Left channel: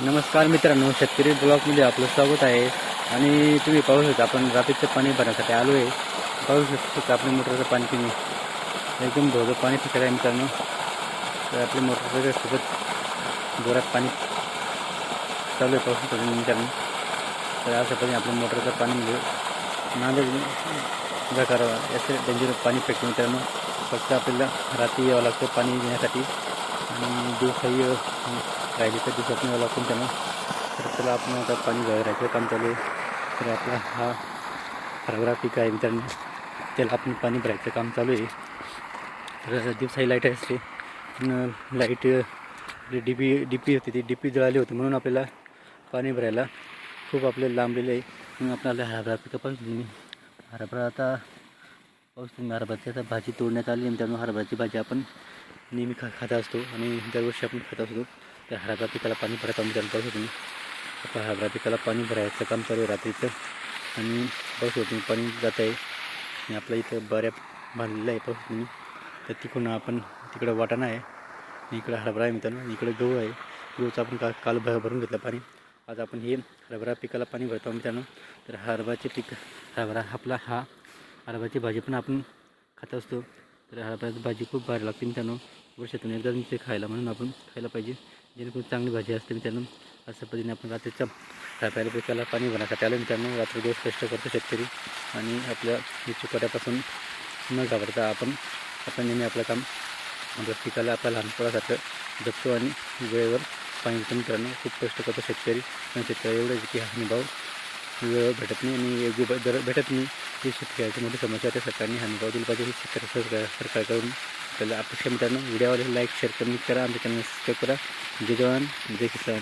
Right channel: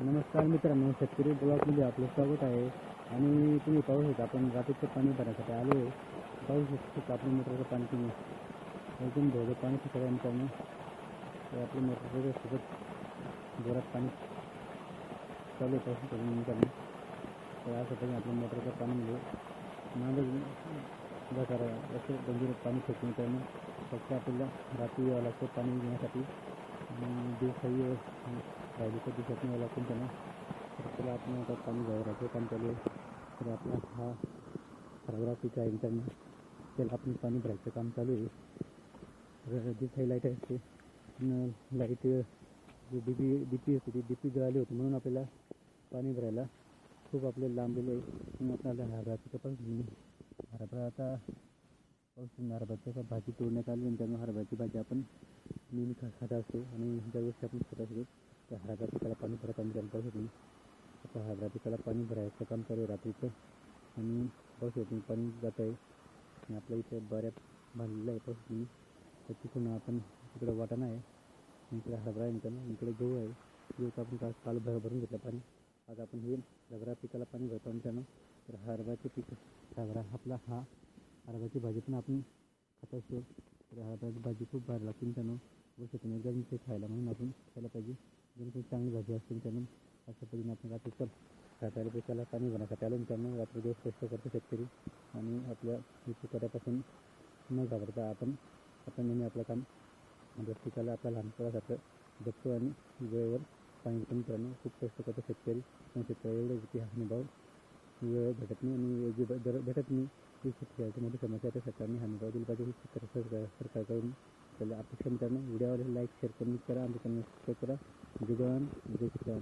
नमस्कार मित्रांनो शेतकरी ब्लॉकमध्ये आपलं स्वागत आहे. आणि तुम्ही पाहू शकता आपण रात्रीचं पाणी भरण्यासाठी आलो आहे पाहू शकता आपल्या मोटरचं पाणी पिणे एकदम धोधं पाणी फिकत आहे मित्रांनो. तर आपल्या मोटरचं सोबत जोरात पाणी चालू आहे पाहू शकता मित्रांनो. तर अशा पद्धतीने आपल्या मोटरचं पाणी म्हणजे नांदेड करावा याचं डेंजर पाणी फेकतो मित्रांनो. फक्त आपल्याला रात्री यावं लागतं पाणी घेण्यासाठी. आणि दिवसाही राहिले तर दिवसात यावं आपण त्यांना तर त्याला आपण आता पाणी भरायचं काम चालू आहे. तर आपला हा हरभरा पीक आहे मित्रांनो. त्याला आपण पाणी भरायचं काम चालू आहे. तर दिवसाही लाइट असते. पण लाइट आपली डी पी डी पी होती ती डी पी जळाली होती म्हणून आपल्याला पाणी भरायला खूप आपल्याला लांबलेलं आहे. म्हणून आपल्याला हरभरा पिकं पिकापासून हरभरा आता पाऊस तुम्ही हरभऱ्याची आता भाजी तोडण्यात आली आणि त्यामुळे हरभऱ्याची भाजी आपण नेहमी खा खात असतो आणि दरवर्षी आपण खात असतो. तर हरभरा पिकाला पाणी भरायचं आम्ही त्याला पाऊस तुम्ही. आता हरभरा पिकाला पाणी भरायचं काम चालू आहे रात्रीचं आणि पाऊस तुम्ही पाणी जात आहे. आणि आपल्या इथं बऱ्या बांधलेलं आहे पाऊस तुम्ही. तर तिकडून आपण तिकडं वाटाणा आहे. आणि इकडं हरभरा आहे मित्रांनो. आणि इकडं गहू आहे. गहूचं आपण का काल भर भरून घेतलं पाणी. आज आपण हे हरभरा पिकाला पाणी भरतो मित्रांनो. तर हरभराचे पीक हरभरा आपला हा हरभराची भाजी पण आपण खात असतो. तर हरभऱ्याची भाजी खूप भारी लागते मित्रांनो. वर्षातून एकदा ते खायला म्हणून आपण खायला पाहिजे. जेणेकरून चांगली भाजी असते मित्रांनो अशा पद्धतीने आपण रात्रीच्या खायला पिकाला पाणी भरण्यासाठी आलं मित्रांनो रात्री दिवस कष्ट करतो शेतकरी आणि आपल्या चुकट्यापासून न घाबरता आपण आपण नेहमी आपलं काम आपल्या पिकाला आपल्या लहानपणासारखं जपतो आणि वेळेवर पाणी देतो मित्रांनो खूप कष्ट करतो शेतकरी पण शेतकरी एवढंच की हा अनुभव वेळेवर भेटत नाही आणि योग्य दर भेटत नाही. ही शेतकऱ्याची मोठी समस्या त्या सरकारने हमी दिली दिला पाहिजे. ही सरकार सरकारकडून आपल्याला अपेक्षा मित्रांनो. व्हिडिओवाले लाईक शेअर कमेंट करा. आमच्या चॅनल सबस्क्राईब करा. जय जवान. जय किसान.